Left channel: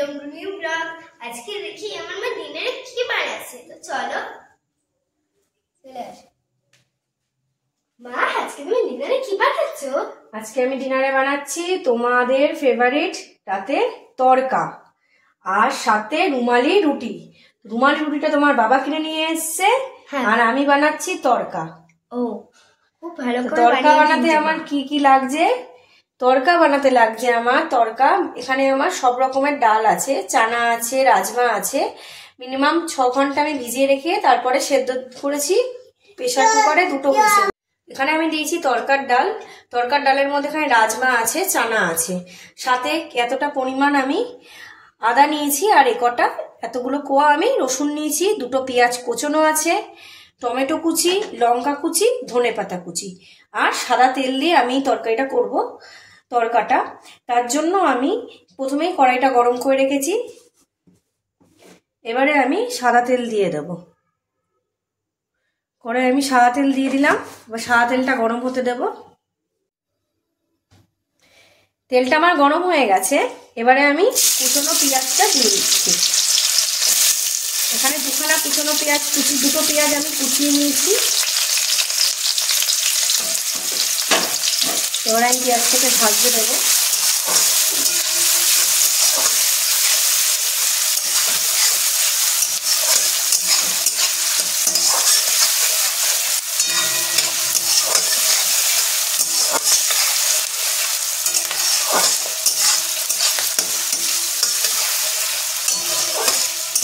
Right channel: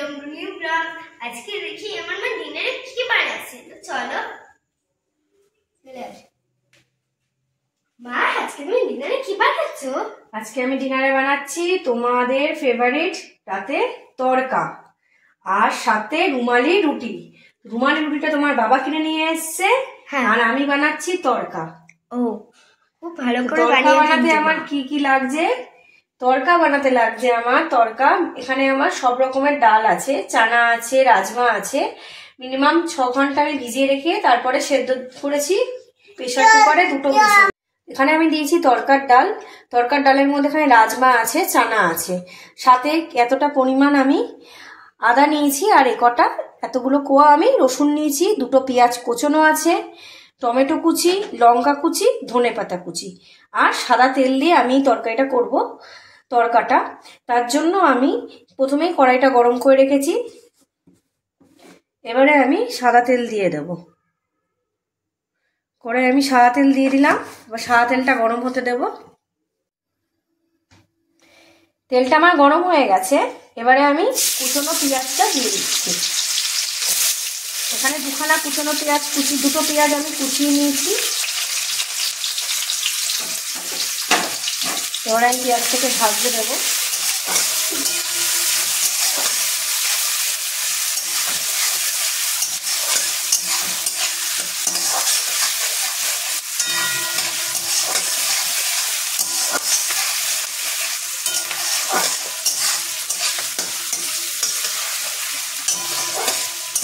Welcome to new blog. আজকে দেখি আমার মা ডিনারে কি বানাচ্ছে, তো চলো চলে আসো। মা, আজকে তুমি ডিনারে কি বানাচ্ছ? আজকে আমি ডিনারে বানাচ্ছি তোমাদের ফেভারিট রাতে তড়কা আর সাথে রুমালি রুটি। রুমালি রুটিটা তোমার বাবা কিনে নিয়ে এসেছে, আর আমি বানাচ্ছি তড়কা। ও, খুব ভালো করে তড়কা বানাতে আমার কি কি লাগছে? তড়কা বানাতে লাগছে আমার তড়কা, এখানে আমার সব রকমের ডাল আছে, চানা আছে, রাজমা আছে। মিনিমাম 6 ঘন্টা আমি ভিজিয়ে রেখে তারপরে সেদ্ধ করেছি প্রেসার কুকারে 2টো হুইসেল। এখানে আমি দিয়েছি তড়কার ডাল, তড়কার ডালের মধ্যে এখানে রাজমা আছে, চানা আছে, সাথে এতটা পরিমাণ আমি আদা নিয়েছি, আর এতগুলো কোয়া আমি রসুন নিয়েছি, 2টো পেঁয়াজ কোচানো আছে, টমেটো কুচি, লঙ্কা কুচি, ধনেপাতা কুচি, আর সাদা তেল দিয়ে আমি তরকারিটা করব। তড়কাটা তার জন্য আমি প্রথমেই কড়াইটা গরম করে রেখেছি, এবারে আমি সাদা তেল দিয়ে দেব। কড়াই আমি সাদা তেল দিয়ে দিলাম, এবার সাদা তেলটা গরম হতে দেব। তেলটা আমার গরম হয়ে গেছে, এবারে আমি কুচনো পেঁয়াজটা দিয়ে দিচ্ছি। এখানে 2খানা কুচনো পেঁয়াজ, 2টো পেঁয়াজ আমি কুচিয়ে নিয়েছি। এবার আমি পেঁয়াজটাকে ভাজতে দেবো।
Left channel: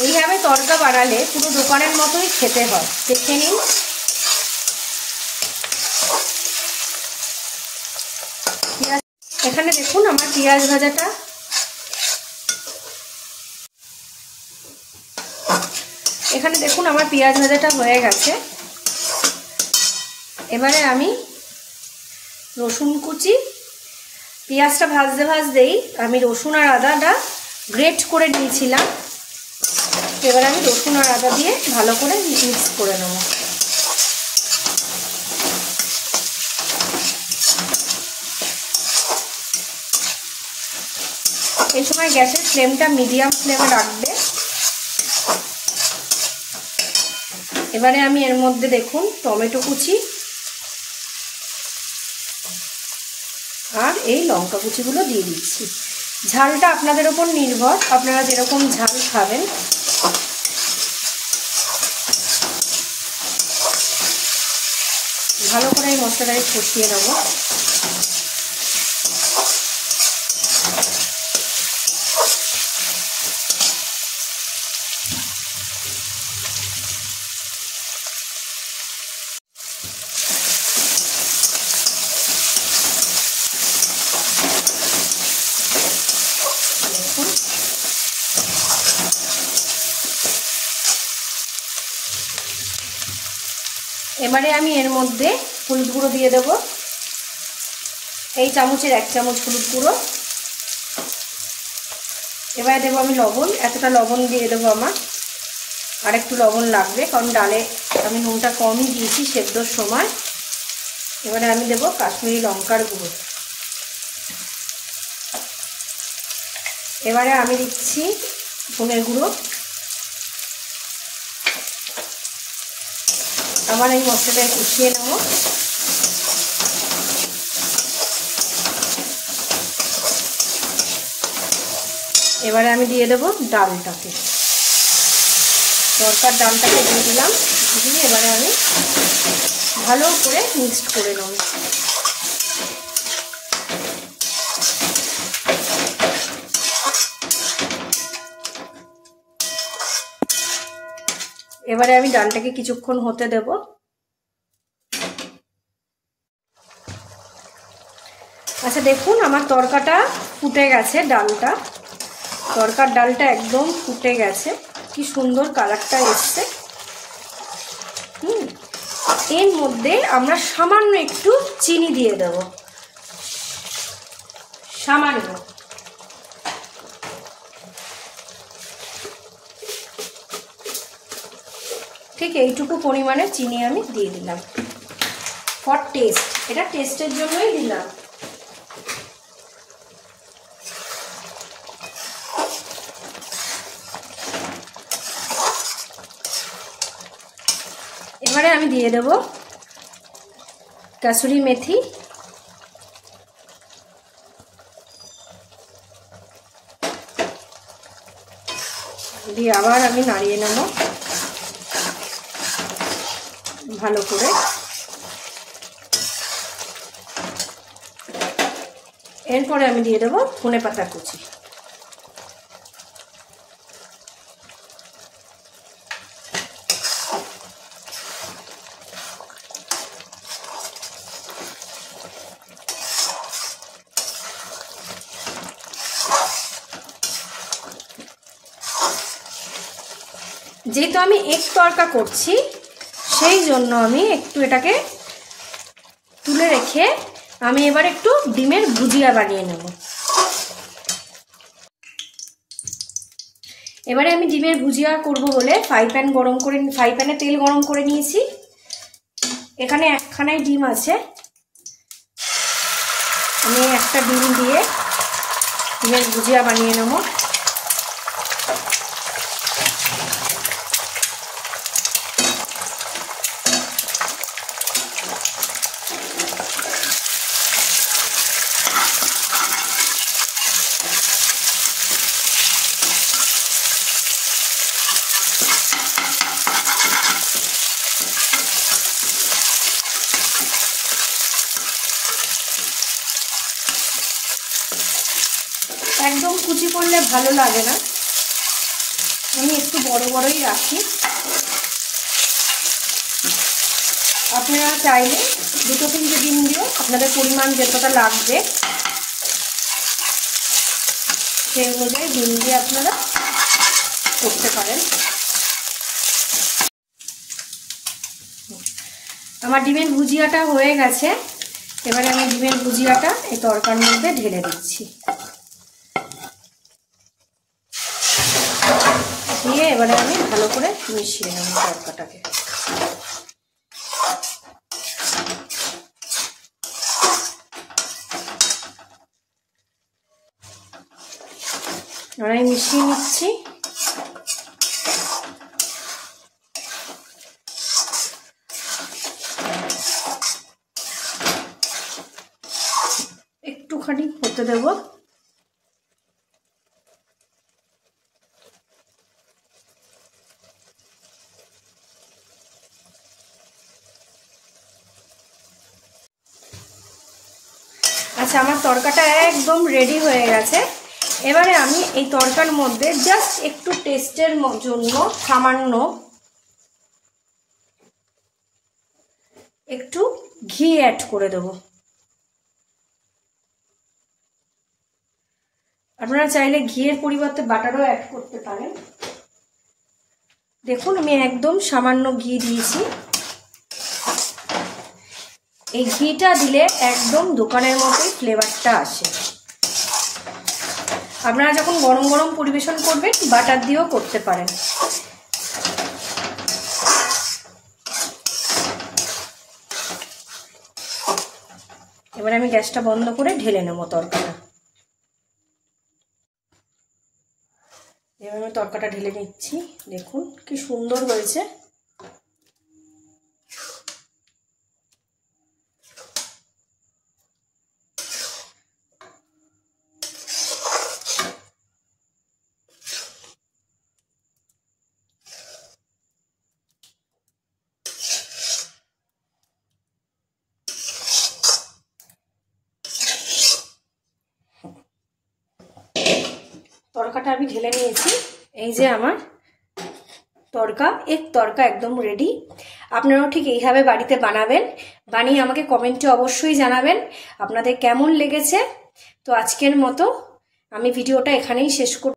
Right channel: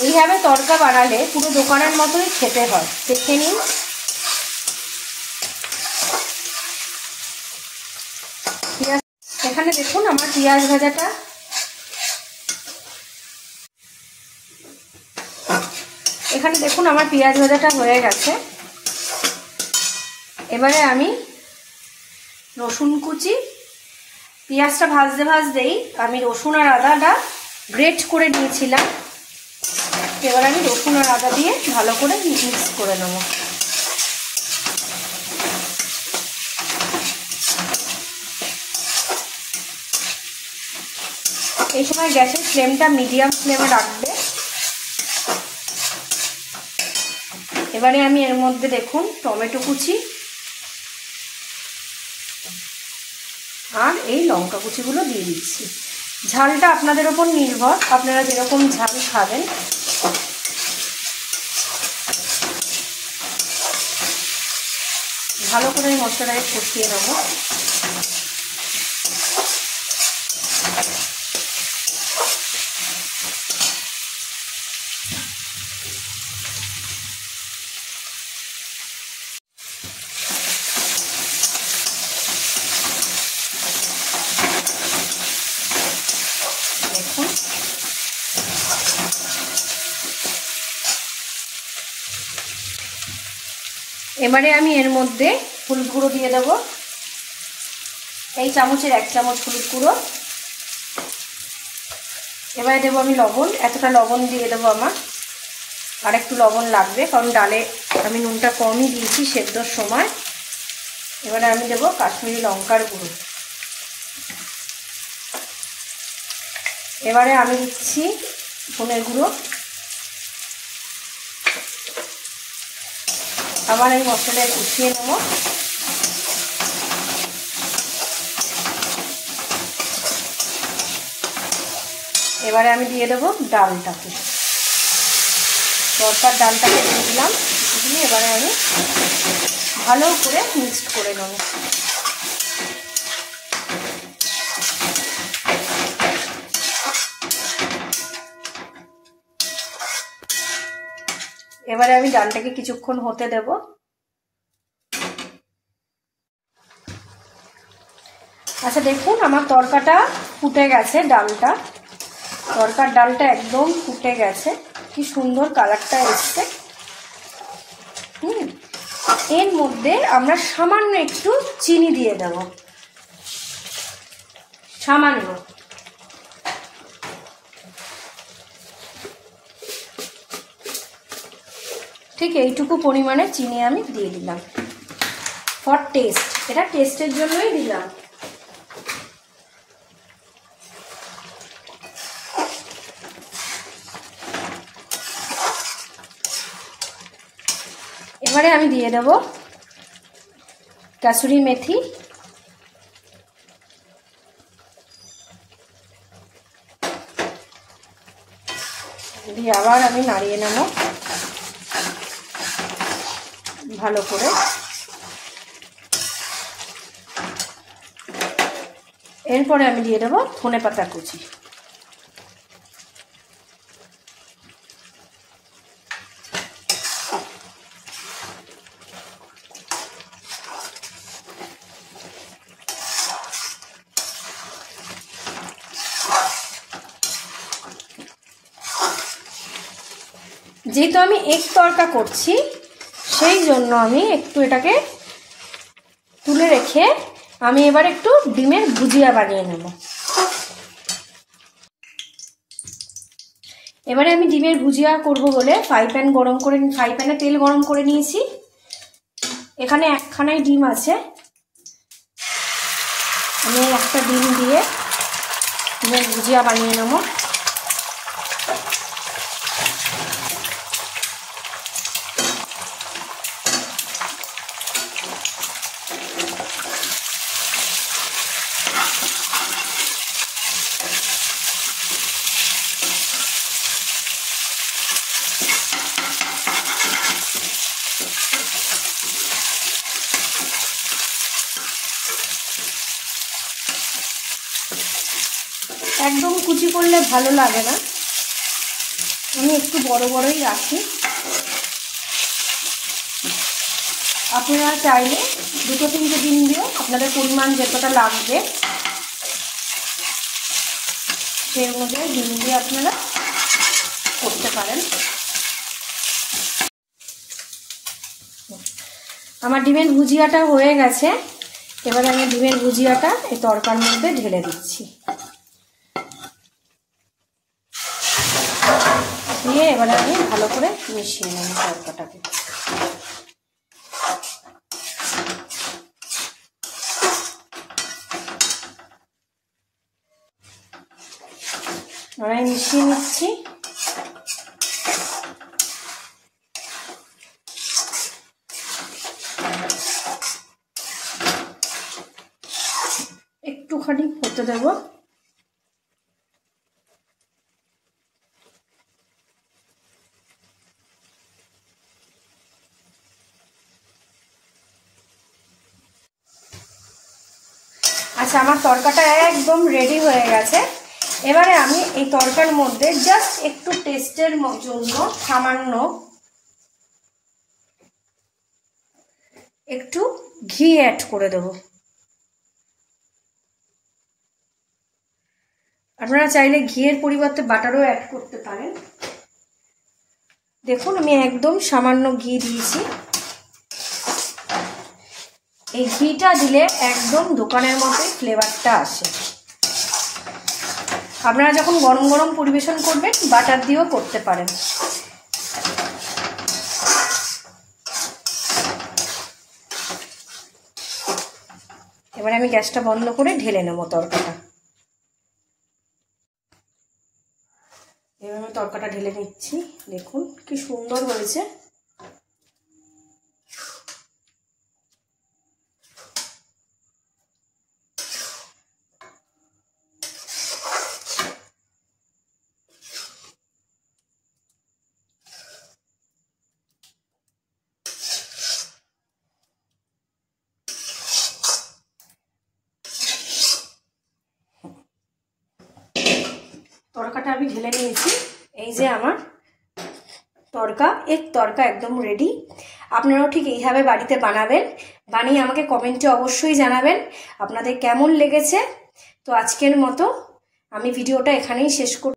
এইভাবে তড়কা বানালে পুরো দোকানের মতোই খেতে হয়, দেখে নিন। এখানে দেখুন আমার পেঁয়াজ ভাজাটা হয়ে গেছে। এবারে আমি রসুন কুচি, পেঁয়াজটা ভাজতে ভাজতেই আমি রসুন আর আদাটা গ্রেট করে নিয়েছিলাম, এবার আমি রসুন আর আদা দিয়ে ভালো করে মিক্স করে নেব। এই সময় গ্যাসের ফ্লেমটা মিডিয়াম ফ্লেমে রাখবে। এবারে আমি এর মধ্যে দেখুন টমেটো কুচি আর এই লঙ্কা কুচিগুলো দিয়ে দিচ্ছি। ঝালটা আপনাদের ওপর নির্ভর, আপনারা যেরকম ঝাল খাবেন। ভালো করে এই মশলাটাকে কষিয়ে নেব। দেখুন এবারে আমি এর মধ্যে হলুদ গুঁড়ো দিয়ে দেব। এই চামচের 1 চামচ হলুদ গুঁড়ো। এবারে দেবো আমি লবণ, এতটা লবণ দিয়ে দেবো আমার, আর একটু লবণ লাগবে কারণ ডালে আমি নুনটা কমই দিয়েছি সেদ্ধর সময়। এবারে আমি দেবো কাশ্মীরি লঙ্কার গুঁড়ো। এবারে আমি দিচ্ছি ধনের গুঁড়ো। আবার এই মশলাটাকে কষিয়ে নেব। এবারে আমি দিয়ে দেবো ডালটাকে, তড়কার ডালটাকে দিয়ে দিলাম। দিয়ে এবারে আমি ভালো করে মিক্স করে নেব। এবারে আমি ডালটাকে কিছুক্ষণ হতে দেব। আচ্ছা দেখুন আমার তড়কাটা ফুটে গেছে, তড়কার ডালটা একদম ফুটে গেছে, কি সুন্দর কালারটা এসছে। এর মধ্যে আমরা সামান্য একটু চিনি দিয়ে দেব, সামান্য। ঠিক এইটুকু পরিমাণে চিনি আমি দিয়ে দিলাম ফর টেস্ট, এটা টেস্টের জন্যই দিলাম। এবারে আমি দিয়ে দেব কাসুরি মেথি, দিয়ে আবার আমি নাড়িয়ে নেব ভালো করে। এরপরে আমি দিয়ে দেব ধনেপাতা কুচি। যেহেতু আমি এক তরকা করছি সেই জন্য আমি একটু এটাকে তুলে রেখে আমি এবার একটু ডিমের ভুজিয়া বানিয়ে নেব। এবারে আমি ডিমের ভুজিয়া করব বলে ফ্রাই প্যানে তেল গরম করে নিয়েছি। এখানে একখানাই ডিম আছে, আমি একটা ডিম দিয়ে ডিমের ভুজিয়া বানিয়ে নেব। একদম কুচি করলে ভালো লাগে না, আমি একটু বড় বড়ই রাখি। আপনারা চাইলে 2-3টে ডিম দিয়ে আপনাদের পরিমাণ যতটা লাগবে সেই অনুযায়ী ডিম দিয়ে আপনারা করতে পারেন। আমার ডিমের ভুজিয়াটা হয়ে গেছে, এবারে আমি ডিমের ভুজিয়াটা এই তরকার মধ্যে ঢেলে দিচ্ছি। দিয়ে এবারে আমি ভালো করে মিশিয়ে নেব তরকাটাকে। আমি মিশিয়ে নিচ্ছি। একটুখানি হতে দেব। আচ্ছা, আমার তরকাটা একদম রেডি হয়ে গেছে। এবারে আমি এই তরকার মধ্যে জাস্ট একটু টেস্টের জন্য সামান্য একটু ঘি অ্যাড করে দেব। আপনারা চাইলে ঘিয়ের পরিবর্তে বাটারও অ্যাড করতে পারেন। দেখুন আমি একদম সামান্য ঘি দিয়েছি। এই ঘিটা দিলে একদম দোকানের মতোই ফ্লেভারটা আসে। আপনারা যখন গরম গরম পরিবেশন করবেন বাটার দিয়েও করতে পারেন। এবার আমি গ্যাসটা বন্ধ করে ঢেলে নেব তরকাটা। এবার আমি তরকাটা ঢেলে নিচ্ছি। দেখুন কি সুন্দর হয়েছে। তরকাটা আমি ঢেলে নিয়েছি। এই যে আমার তরকা একদম রেডি। আপনারাও ঠিক এইভাবে বাড়িতে বানাবেন, বানিয়ে আমাকে কমেন্টে অবশ্যই জানাবেন আপনাদের কেমন লেগেছে। তো আজকের মতো আমি ভিডিওটা এখানেই শেষ করব।